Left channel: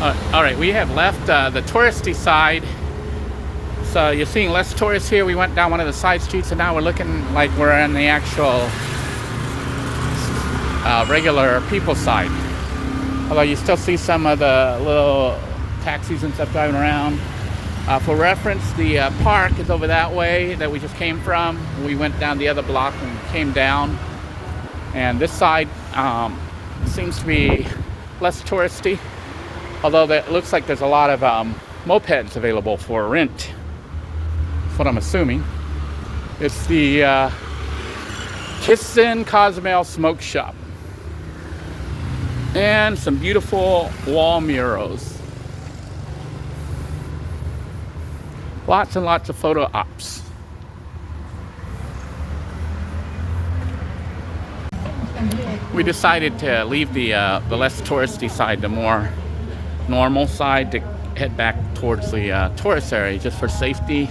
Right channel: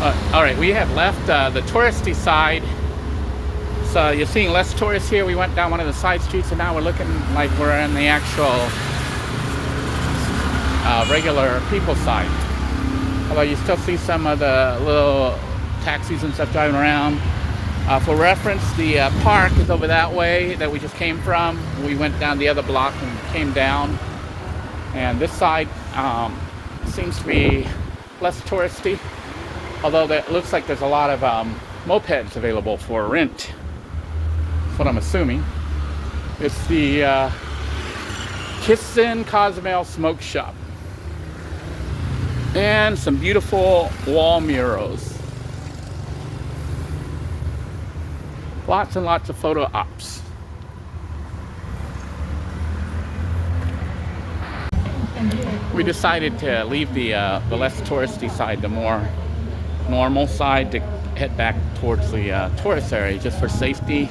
All right, we have left the touristy side. So you're seeing less tourists here. We went down one of the side streets, and now we're looking like we're on the actual regular people side. Although you still see some of the little taxis and stuff driving around. For reference, the park is over that way that we just came from. We went down the other block and came down. And this side seems to be less touristy. Although it looks like there's a lot of mopeds available for rent. That's what I'm assuming. It's the Cozumel Smoke Shop. And some beautiful wall murals. Lots and lots of photo ops. We decided to leave the less touristy side, the more normal side, to head back towards the tourist area just for safety,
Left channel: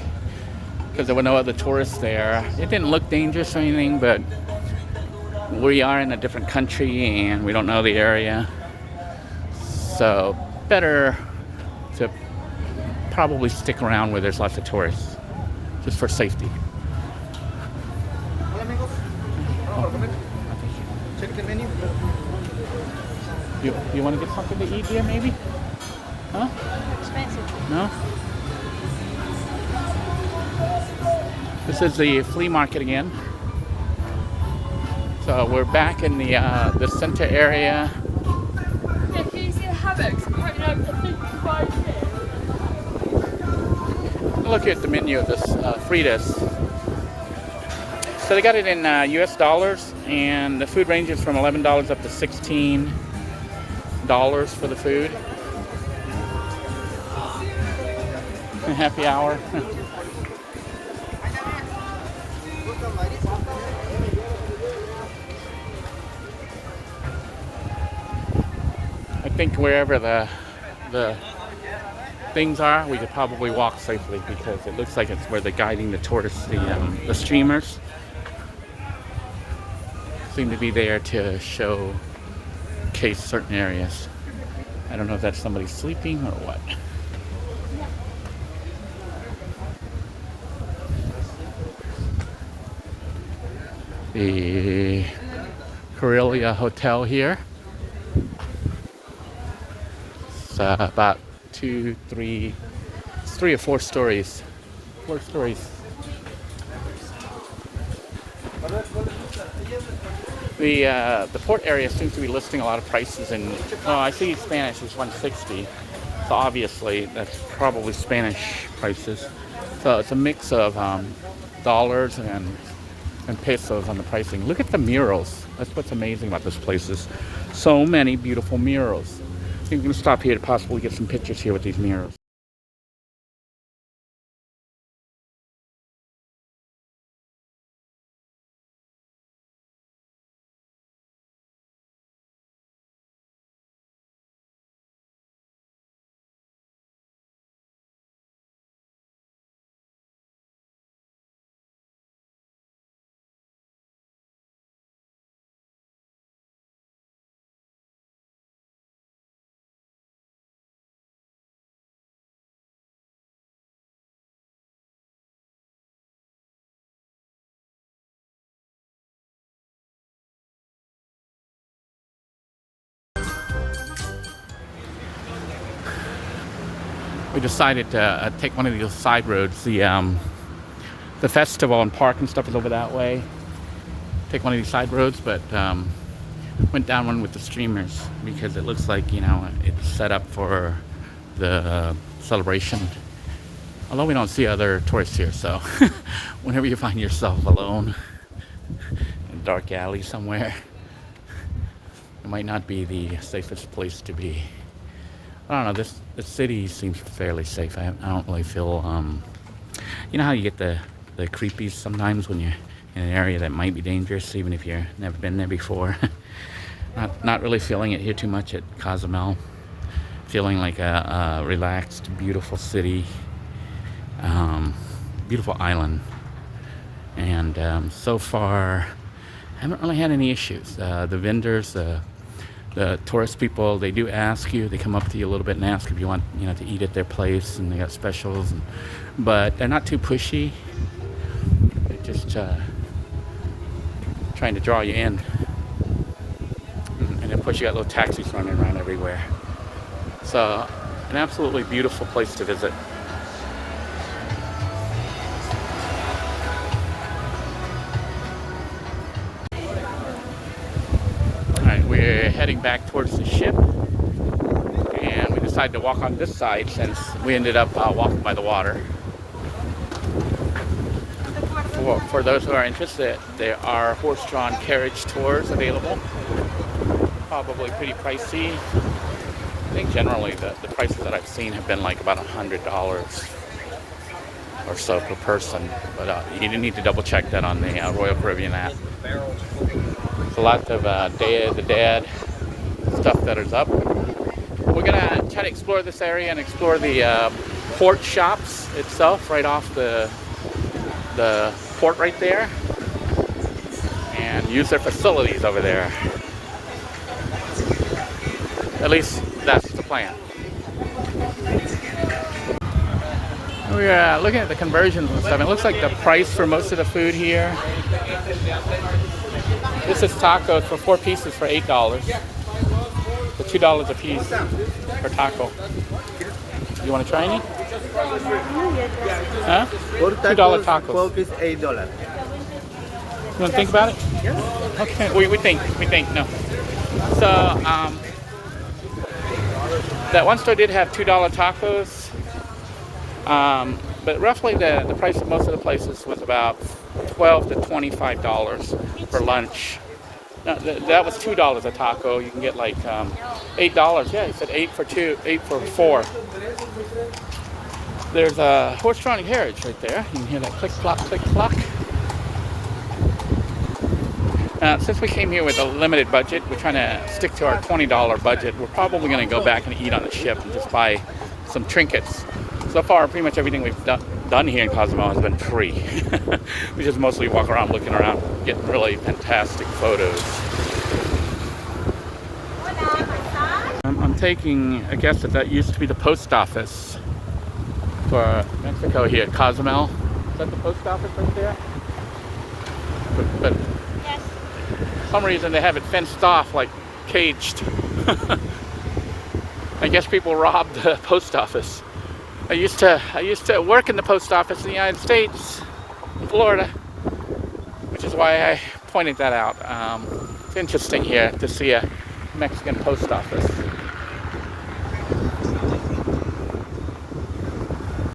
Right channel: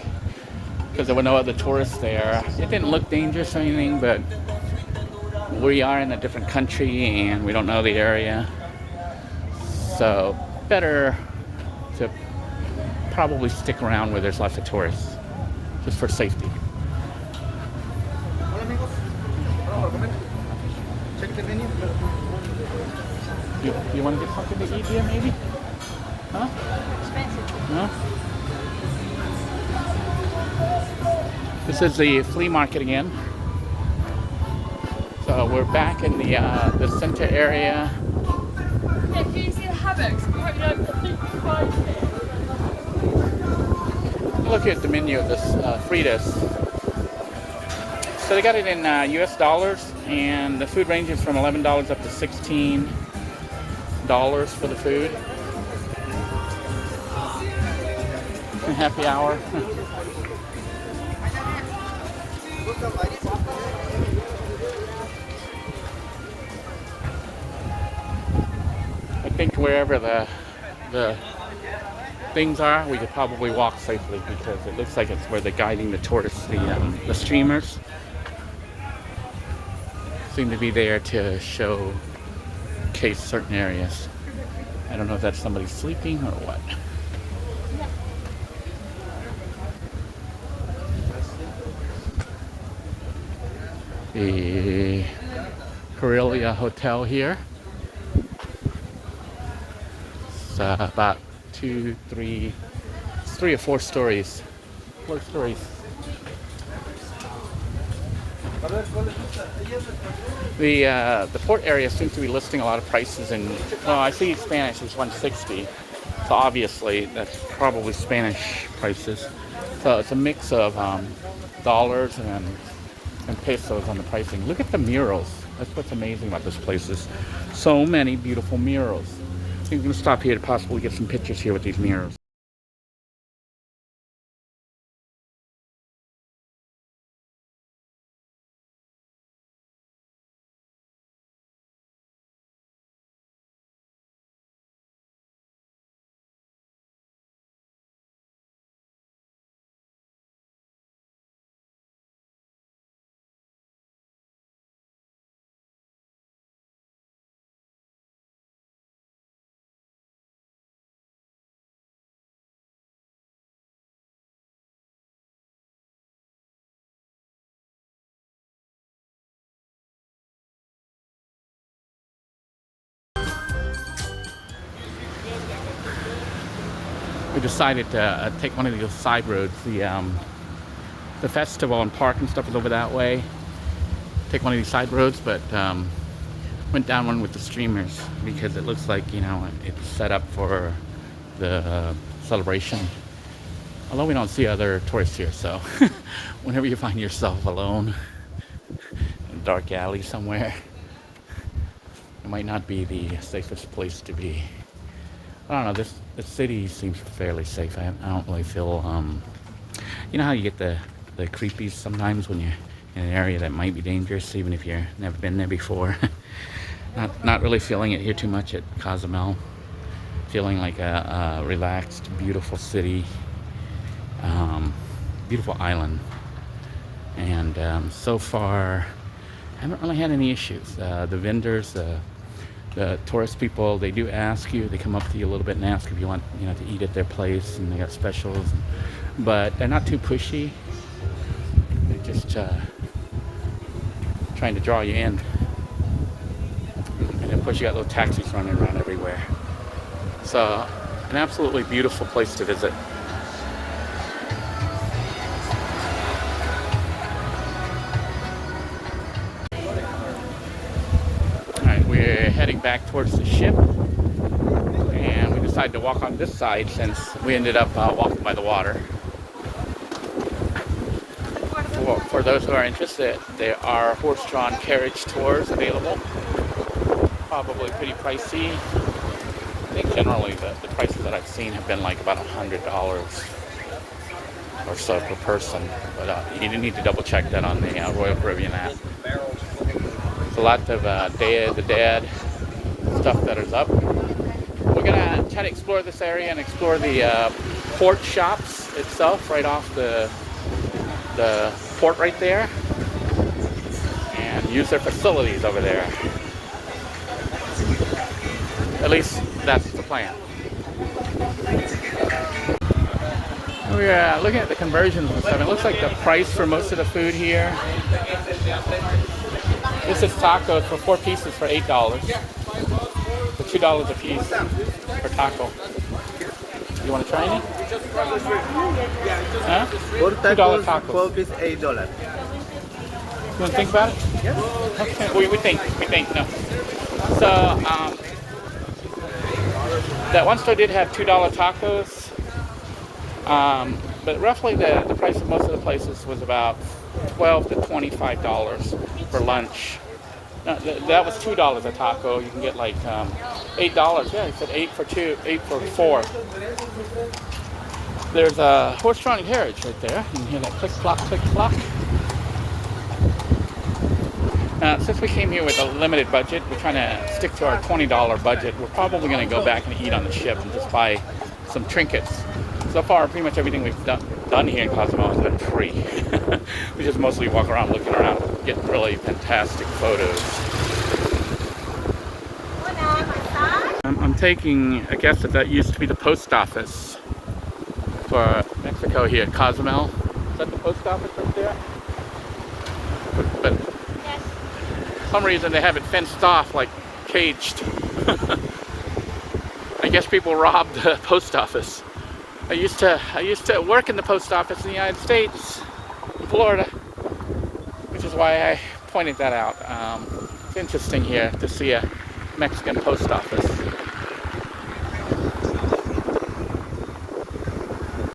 because there were no other tourists there. It didn't look dangerous or anything, but we are in a different country and we don't know the area, so better to probably stick around where there's lots of tourists, just for safety. You want to get something to eat here, maybe? Huh? No? This is the flea market again. So we're back in the center area. Yeah, can you see the hammocks? Apparently over 55. Look at the menu of this Fritas. So they got it in US dollars, and the food ranges from $11 up to $16 for the food. Happy hour. I think wherever the things are, we could probably walk safely, because it looks like it's where they're guiding the tourists. The streamers seem to be there to showcase certain areas. I don't know if that's somebody sleeping or what. The Corelia Hotel here. It's about three or four stories. 4 stories. The port area seems to be listing a lot of prices, and well, I see Spanish is 160, so obviously that's probably Spanish prices. So it's a mix of dollars and pesos on the pricing. Look at the murals. That's what's amazing about those places. So many beautiful murals. I'm going to stop here to possibly get some pictures here with these murals. We decided to take one of these side roads. The festival and park and stuff is over that way. Take one of these side roads, but went down one with the streamers because it looks like, you know, it's set up for the celebration. Although we don't see other tourists here, so whenever you find yourself alone in a dark alley somewhere, it might not be the safest place to be. I don't know, the city seems fairly safe. I don't really feel, you know how you get the creepies sometimes when you're in an area that might be dangerous, even if you've never been there before. Not really feeling it here too much at Cozumel. Feeling like a relaxed, beautiful city, beautiful island. And so far, I haven't really had any issues. The vendors, the tourist people, they do ask you, they come up to you a little bit and ask if you want, to eat at their place, and they got specials, but they're not too pushy. They're just trying to draw you in. And of course, you got little taxis running around everywhere. It's an absolutely beautiful place to visit. We're heading back towards the ship, and we decided to walk on this side since we ended up walking by the water. For those who are interested, there are horse-drawn carriage tours available. Probably pretty pricey. I think generally the prices that I've seen have been like about $100 or so per person, but you need to double check that on the Royal Caribbean app. A lot of the dad stuff that is up. We're gonna try to explore this area and explore the port shops itself, right off the port right there, and use their facilities over there. At least that's the plan. Oh yeah, looking at the conversions and stuff, it looks like the price for most of the food here. This is tacos for 4 pieces for $8. For $2 a piece for taco. You want to try any? Huh? $2 tacos. 4 pieces, $8. You want to think about it? Yes. Okay. We think. No. So that one store did have $2 tacos. But roughly the price of most of the places was about $12 to $25 for lunch. Now, that was $2 a taco. You can get like $8. Yeah, it said 8 for 2, 8 for 4. There's a horse-drawn carriage right there. You can hear that click clock, click clock. Since we came here with a limited budget, we're trying to stick to our $20 budget. We're probably going to go back and eat on the ship and just buy some trinkets. So far, pretty much everything we've done here in Cozumel has been free. We just mostly walk around looking around, getting really fantastic photos. I'm taking a guess that used to be the post office for Mexico here at Cozumel. Is that the post office right there? But Yes. for some reason they have it fenced off, like caged. I guess people robbed the post office. I used to work in the post office in the United States, in Florida, which is why I pointed that out. It's interesting here to see a Mexican post office.